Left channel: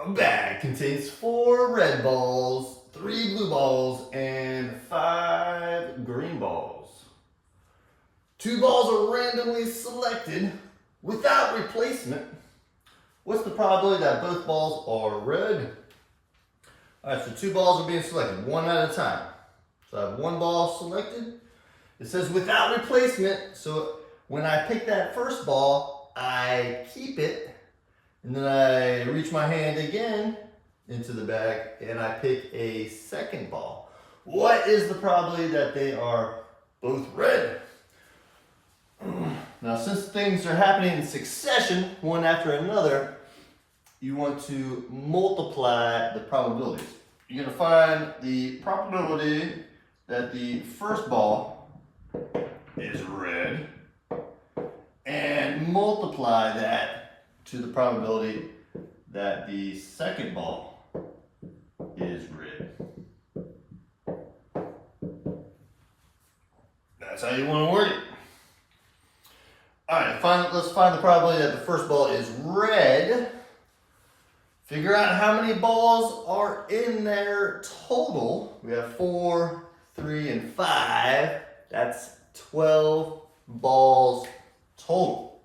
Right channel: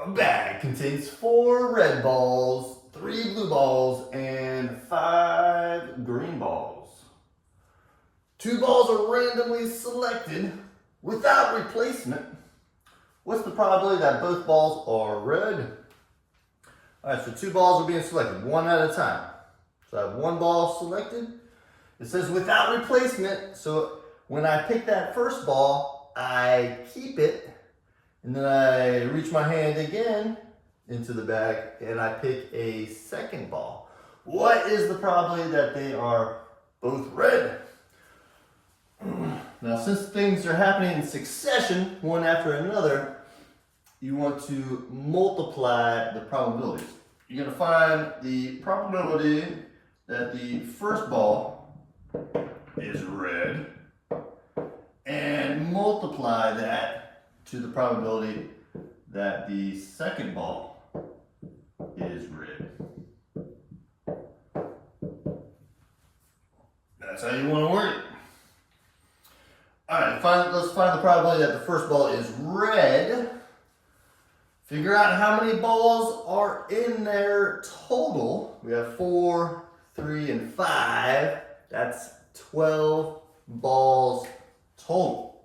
A bag contains 4 red balls, 3 blue balls, and 5 green balls. 2 balls are randomly selected without replacement. What's the probability that both balls are red? All right, so 2 balls are being selected, one at a time. So I have 1 ball selected. It says without replacement, so when I pick that first ball, I keep it, and then I reach my hand again into the bag, and I pick a second ball. What is the probability that they are both red? Now, since things are happening in succession, one after another, you want to multiply the probabilities. You're going to find the probability that the first ball is red and multiply that to the probability that the second ball is red. That's how you want to work it. All right, let's find the probability that the first ball is red. Figure out how many balls are in there total. We have 4, 3, and 5. That's 12 balls total.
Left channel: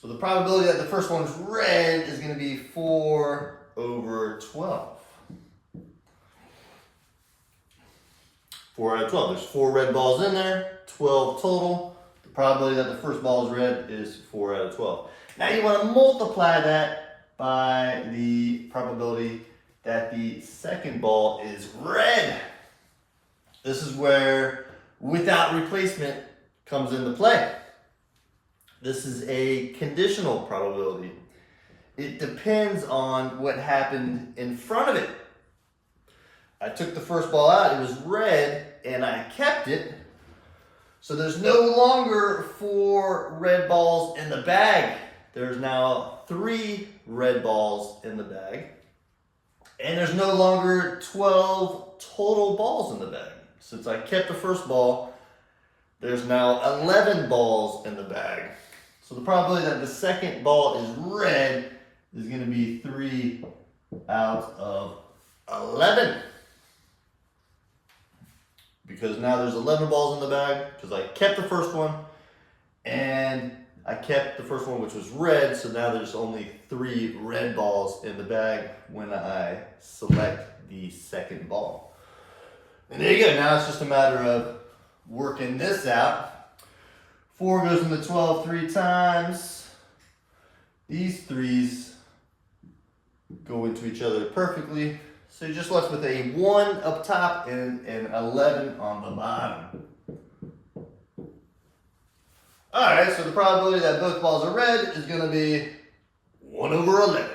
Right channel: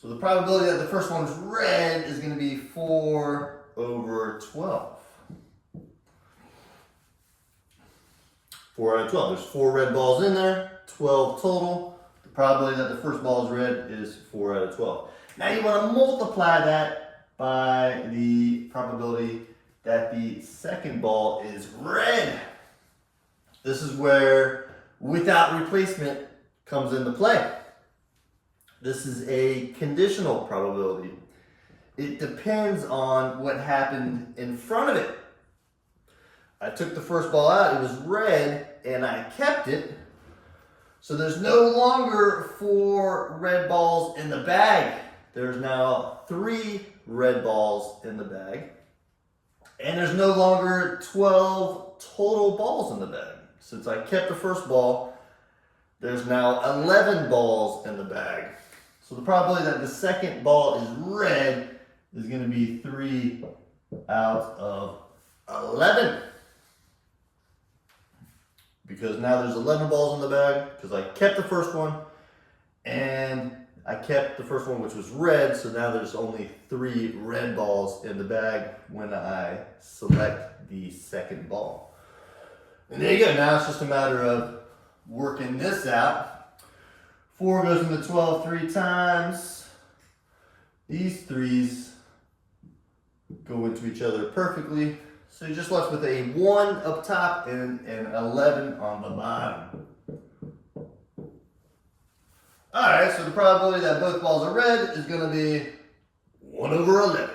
So the probability that the first one's red is going to be 4 over 12. 4 out of 12. There's 4 red balls in there, 12 total. The probability that the first ball is red is 4 out of 12. Now you want to multiply that by the probability that the second ball is red. This is where without replacement comes into play. This is a conditional probability. It depends on what happened in front of it. I took the first ball out, it was red, and I kept it. So there's no longer 4 red balls in the bag. There's now 3 red balls in the bag. And there's no longer 12 total balls in the bag. Since I kept the first ball, there's now 11 balls in the bag. So the probability that the second ball is red is going to be 3 out of 11. Because now there's 11 balls in the bag, because I kept the first one, and I kept the first one, which was red, so now there's only 3 red balls in the bag when I select the second ball. And there you go. Now it's just a matter of working this out. 4 goes into 12 3 times. These 3s go into each other perfectly. So you're just left with a 1 up top and an 11 on the bottom. All right, so the probability that both balls are red is going to be 1 over 11.